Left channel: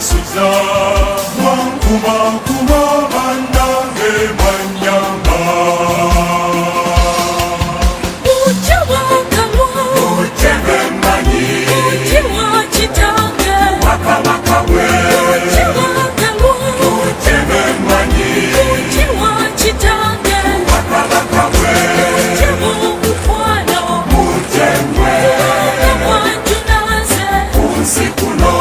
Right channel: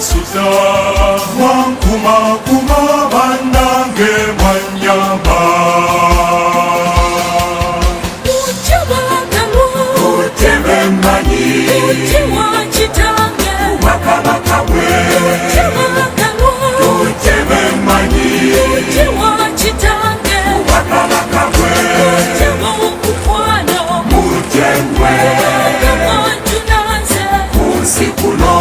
Suza, Kuma Kuma Bandange Manyamba. Utembe mani, waka waka we. Utembe mani, waka waka we. Mutemwe, unsikuno.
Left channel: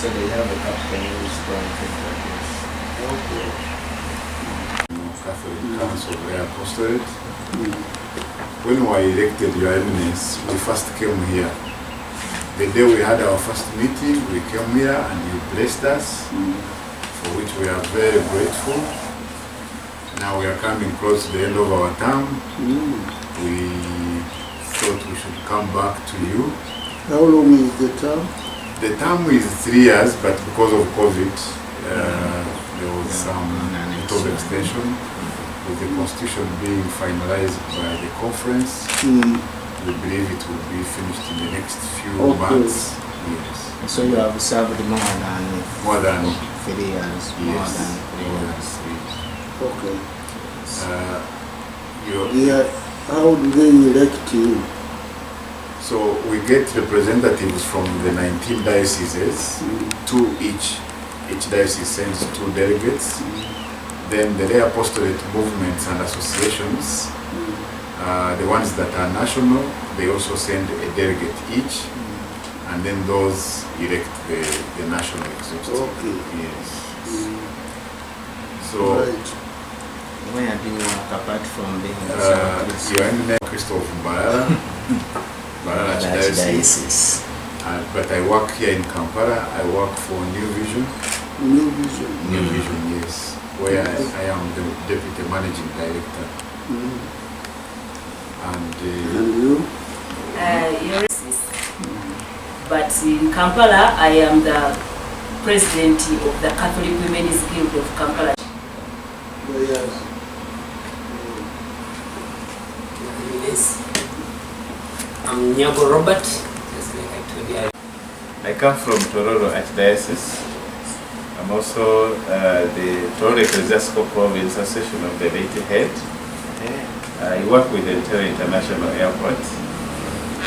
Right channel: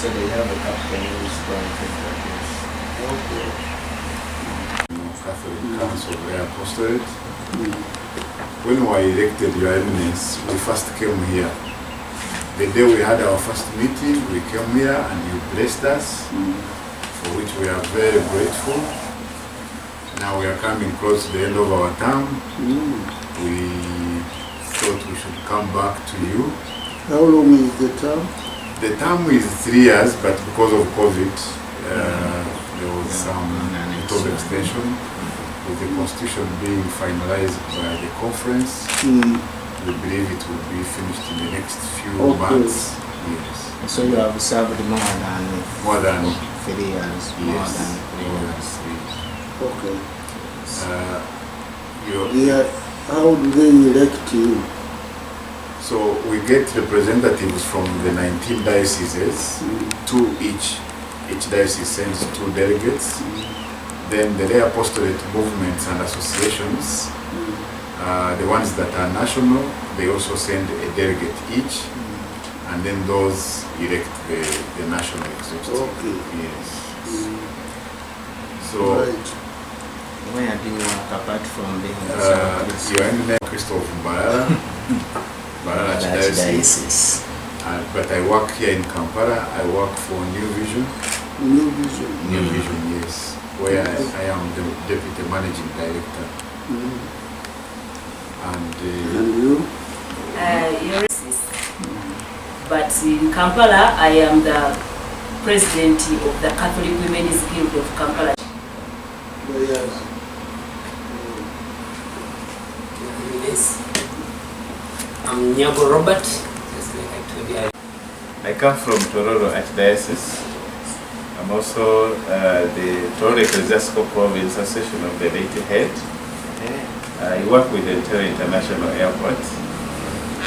So they have a captain who's going to Catholic Council of the Apostolate. When we were elected, Your Eminence, we first came here. The day we had our first meeting, we came here and you blessed us, for which we are very grateful. Now we are coming close to the end of our term. We thought we should come back to you. How long is the term? The term is 3 years, but because of COVID, there was some bit of extension. With the constitution being finalized by the conference, we believe it will be finished in the next few months. Yes. So you have served more than 3 years. Yes. More than 3 years. Okay. Yeah. How do they elect you? So we get representatives from the 19 dioceses, two each. Each diocese sends 2 delegates. Then the lay apostolate movements and associations, the ones that are national, they also send a delegate each, and then those elect the national executive. Okay. Yes. So, Where do you work apart from being the Your Eminence Cardinal Wamala, Diocese. But I work here in Kampala. I work for New Vision. New Vision. New Vision, yes. Where I am the Deputy Managing Director. And you? But in Kampala, I am the President of the Catholic Women's Guild of Kampala. Yes. Yes. I'm Nyago Robert. Just like I told you. I come from Tororo Archdiocese. I'm also the Tororo Ecclesiastical Province Association of the Lady Head. I work with the Entebbe International Airport.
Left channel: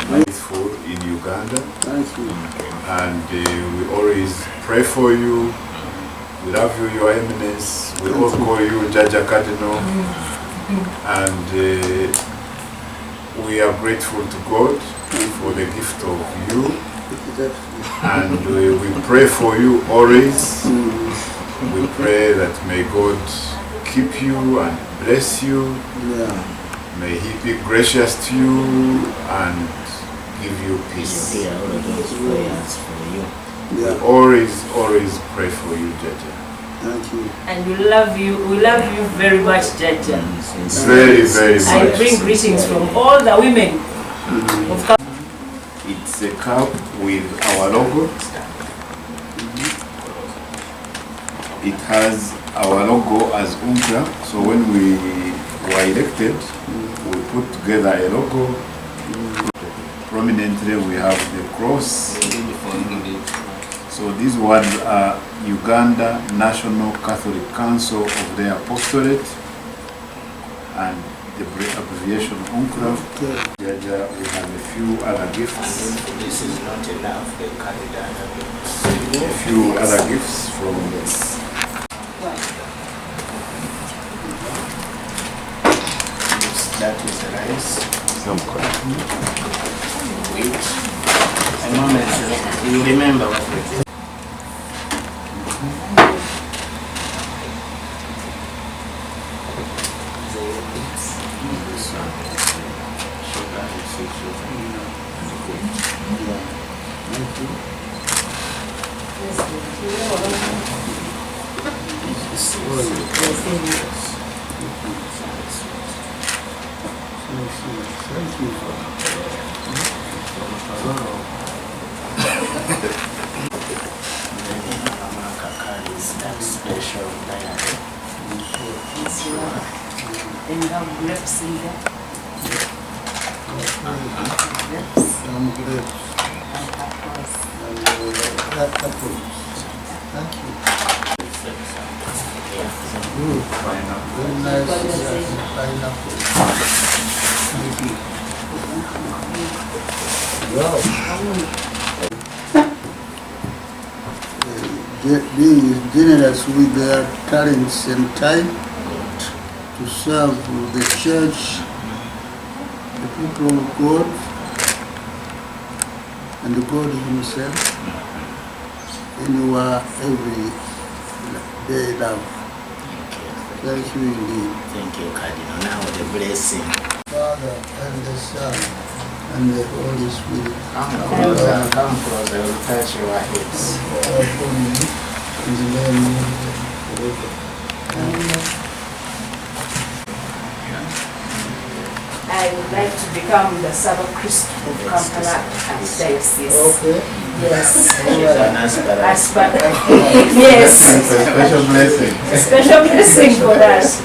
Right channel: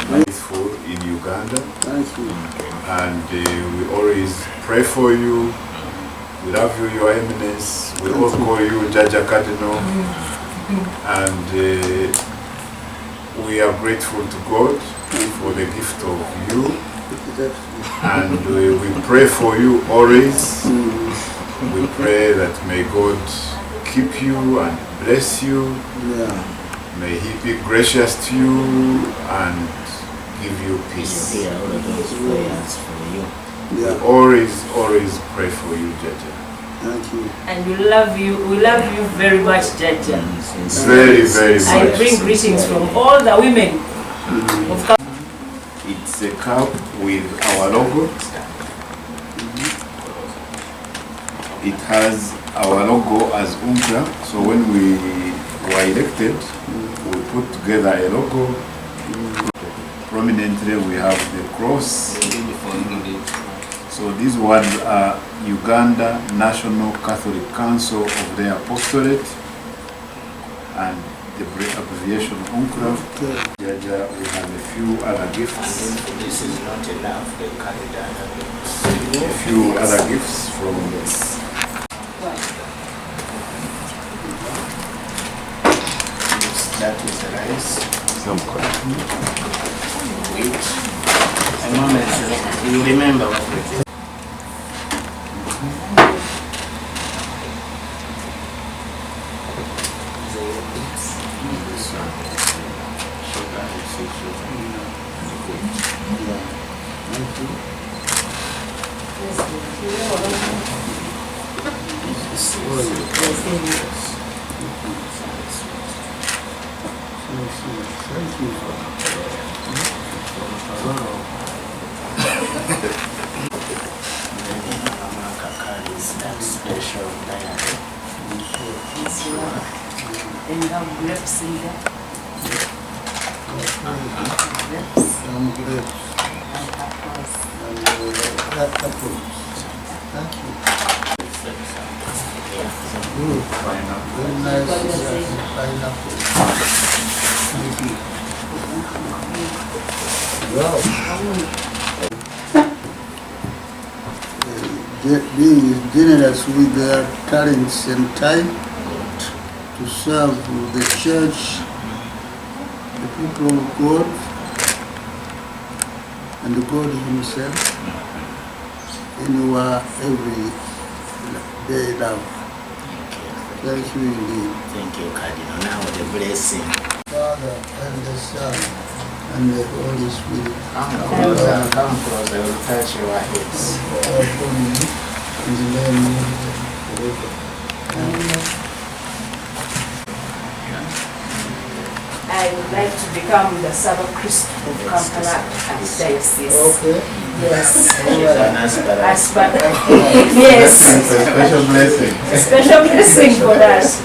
Faithful in Uganda. Thank you. And we always pray for you. We love you, Your Eminence. We all call you Jaja Cardinal. And we are grateful to God for the gift of you. And we pray for you always. We pray that may God keep you and bless you. May He be gracious to you and give you peace. Yeah, all of those prayers for you. We always pray for you, Jaja. Thank you. And we love you very much, Jaja. Very, very much. I bring greetings from all the women of Kampala. It's a cup with our logo. It has our logo as UNCRA. So when we were elected, we put together a logo. Prominently we have the cross. So these words are Uganda National Catholic Council of the Apostolate, and the abbreviation okuva. Jaja, we have a few other gifts. This is not enough. They carry down A few other gifts from that is the rice. Wait. A moment. You remember what we did. Thank you. That special diet. And you have grapes in there. Some grapes And apples. and apples. Thank you. Good. Very nice pineapple. Thank you. Wow. Being generous with their talents and time to serve the church, the people of God, and God Himself in your everyday life. Thank you indeed. Thank you, Cardinal. Now the blessing. Father and the Son and the Holy Spirit. Come closer, come closer. I will touch your heads. Upon me, in the name of forever. Amen. I would like to become the Ssaabakristu of Kampala Archdiocese. Okay. Yes. She's an aspirant. Yes. special blessing. A special blessing for us.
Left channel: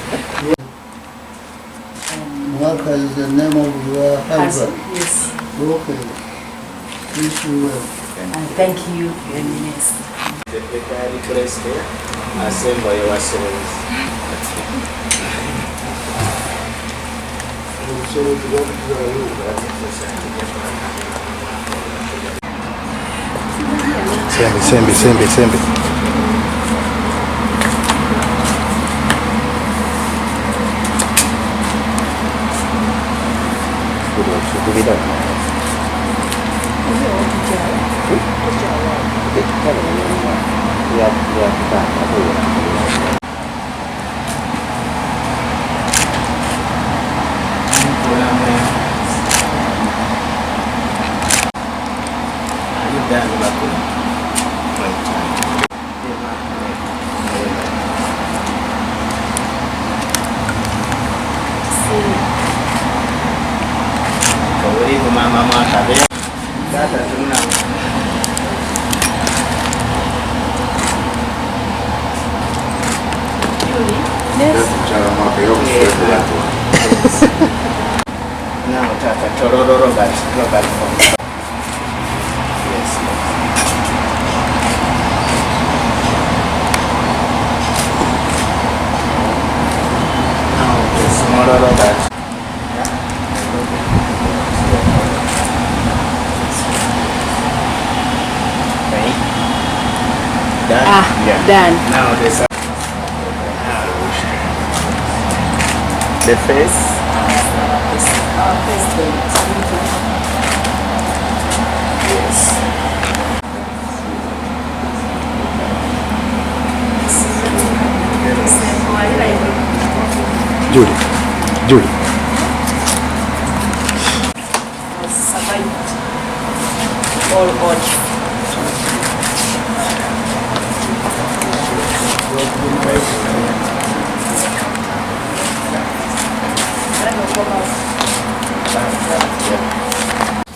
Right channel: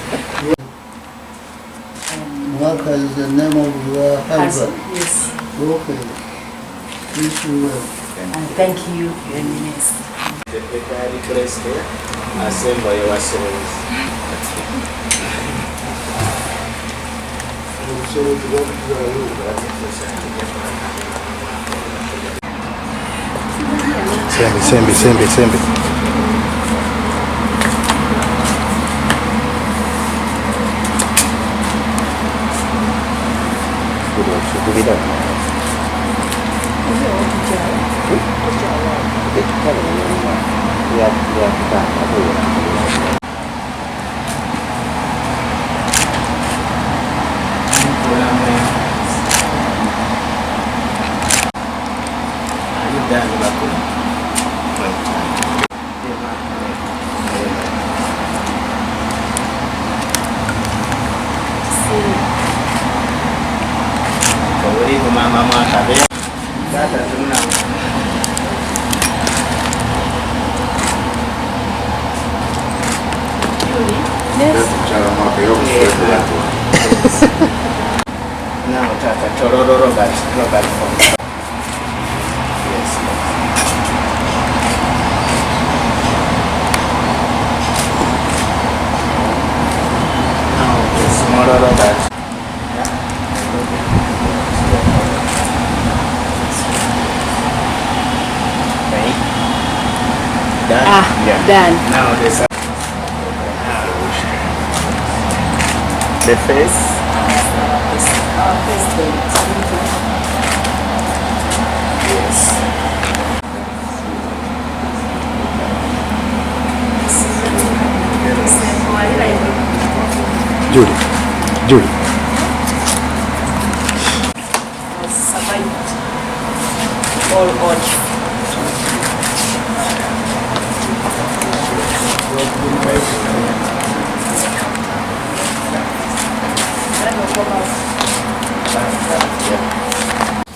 Mwaka is the name of your husband. Yes. Okay. Wish you well. And thank you, Your Eminence. The paper request here. Assemble yourselves. Sembe. Are you done, Bakula? Karibu mama mwaka be. Tata tuna. Now Tata Tororo Robert from. Yes. Now the smaller Robert. Done? Yeah. Done. Now the face. Our president. Yes. Julie. Has survived all odds.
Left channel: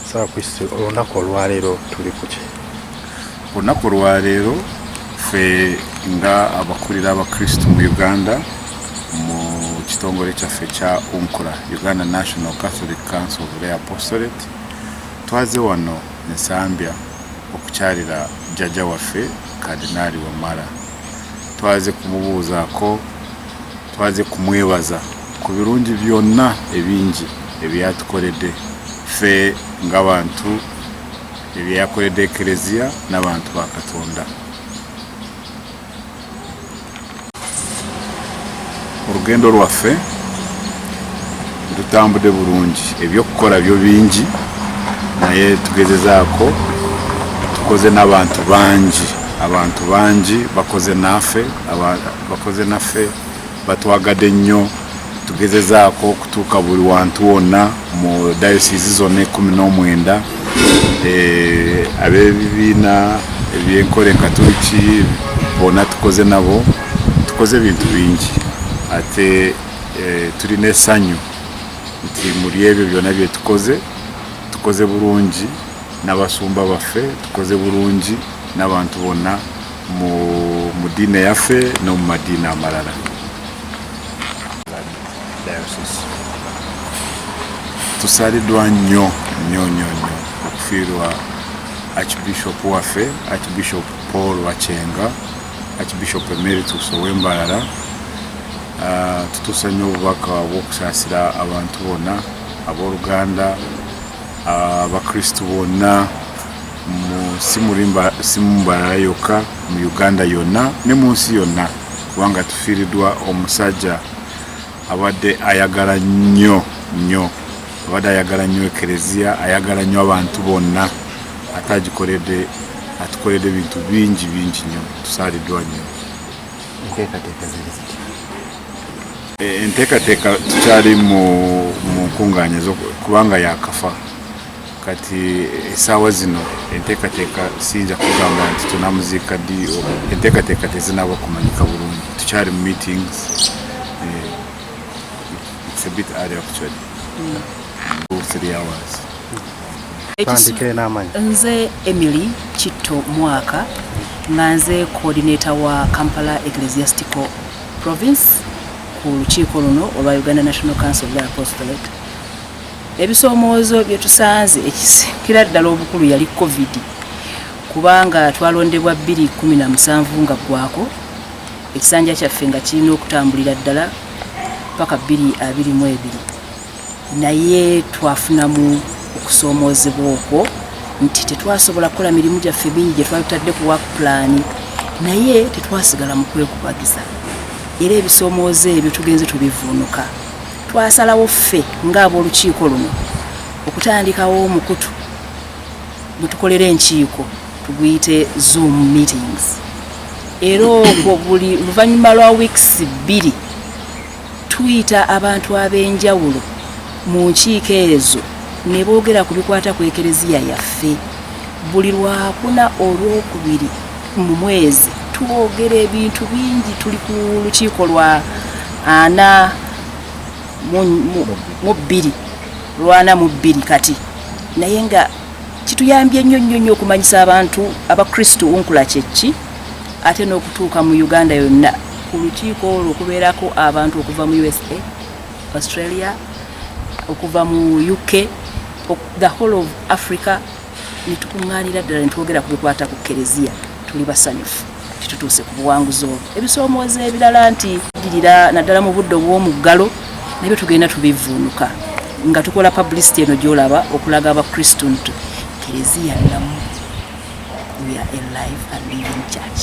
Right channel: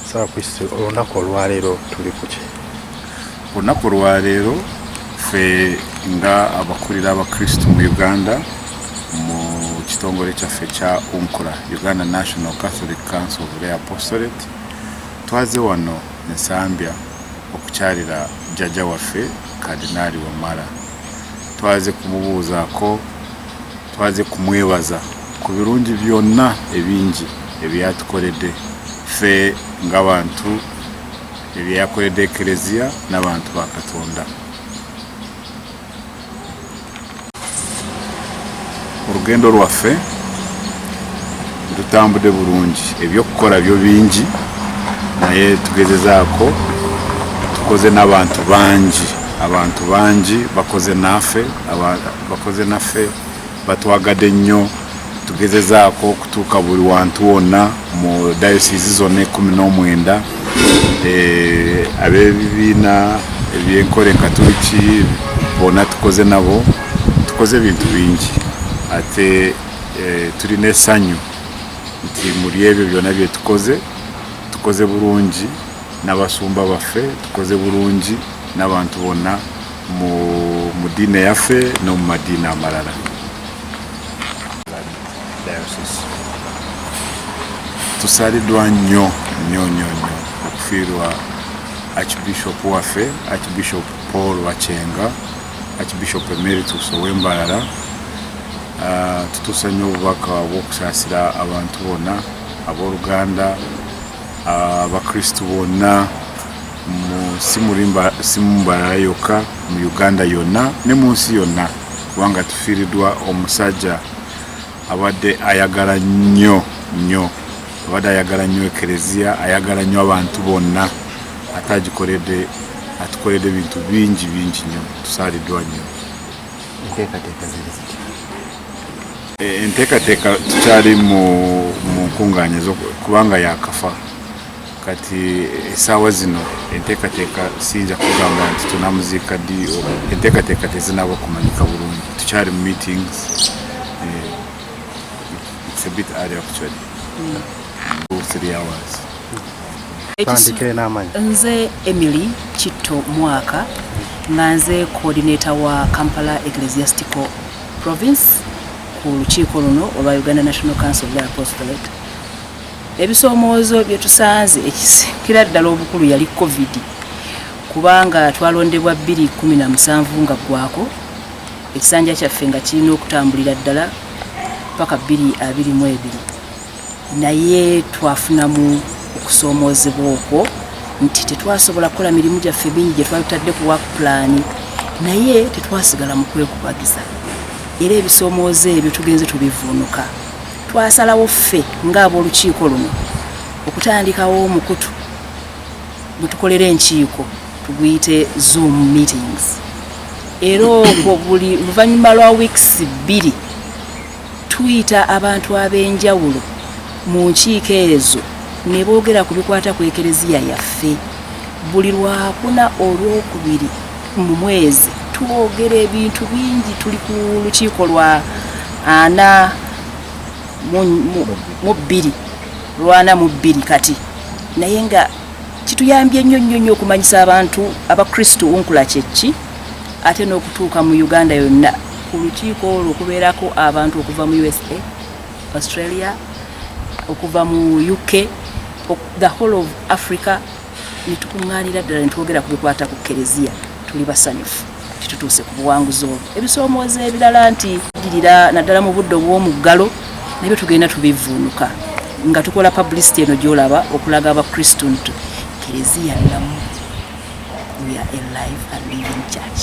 Ssaabakristu, olunaku olwaleero tuli ku ki? Olunaku olwaleero ffe nga abakulira abakristu mu Uganda mu kitongole kyaffe kya UNCRA, Uganda National Catholic Council of the Apostolate, twaze wano ensambya okukyalira jjajja waffe Cardinal Wamala. Twaze kumubuuzaako, twaze kumwebaza ku birungi byonna ebingi ebyatukoledde ffe ng'abantu ebyakoledde kerezia n'abantu ba Katonda. Olugendo lwaffe tutambudde bulungi, ebyokukola byo bingi naye tugezezaako tukoze n'abantu bangi, abantu bangi bakoze naffe batwagadde nnyo. Tugezezaako okutuuka buli wantu wonna mu dayosisi zonna 19 ab'ebibiina ebyenkola enkatoliki bonna tukoze nabo, tukoze ebintu bingi ate tulina essanyu nti muri ebyo byonna bye tukoze bulungi n'abasumba baffe, tukoze bulungi n'abantu bonna mu diine yaffe no mu madiini amalala. Tusaaliddwa nnyo okufiirwa Archbishop waffe, Archbishop Paul Wachenga, Archbishop Emeritus ow'Embalala. Tutuusa nnyo obubaka bw'okusaasira abantu bonna ab'Oluganda, abakristu bonna si mu Mbalala yokka, mu Uganda yonna ne mu nsi yonna, kubanga tufiiriddwa omusajja abadde ayagala nnyo ekerezia, ayagala nnyo abantu bonna, ate atukoledde ebintu bingi nnyo. Tusaaliddwa nnyo. Enteekateeka tukyali mu nkungaanya kubanga yakafa kati essaawa zino enteekateeka siyinza kugamba nti tunamuziika ddi, enteekateeka tezinaba kumanyika bulungi, tukyali mu meetings. It's a bit early actually. 3 hours. Nze Emily Kitto Mwaka nga nze coordinator wa Kampala Ecclesiastical Province ku lukiiko luno olwa Uganda National Council of the Apostolate. Ebisoomoozo bye tusanze ekisikira ddala obukulu yali COVID, kubanga twalondebwa 2017 nga gwako, ekisanja kyaffe nga kirina okutambulira ddala paka 2022, naye twafunamu okusoomoozebwa okwo nti tetwasobola kukola mirimu gyaffe bingi gye twatadde ku work plan, naye tetwasigala mu kwekubagiza. Era ebisoomoozo ebyo tugenze tubivuunuka. Twasalawo ffe ng'ab'olukiiko luno okutandikawo omukutu bwe tukolera enkiiko tuguyite Zoom meetings. Era ogwo buli luvannyuma lwa weeks 2 tuyita abantu ab'enjawulo mu nkiiko ezo ne boogera ku bikwata ku ekerezia yaffe. Buli Lwakuna Olwokubiri mu mwezi twogera ebintu bingi. Tuli ku lukiiko lwa 42 kati, naye nga kituyambye nnyo okumanyisa abantu abakristu nkula kyeki, ate n'okutuuka mu Uganda yonna ku lukiiko olwo okubeerako abantu okuva mu USA, Australia, okuva mu UK, the whole of Africa, nitukuŋŋaanira ddala nitwogera ku bikwata ku kerezia. Tuli basanyufu titutuuse ku buwanguzi obwo. Ebisoomoozo ebirala nti girira naddala mu budde obw'omuggalo nabyo tugenda tubivuunuka nga tukola publicity eno gy'olaba okulaga abakristu nti kerezia lamu, we are a live and living church.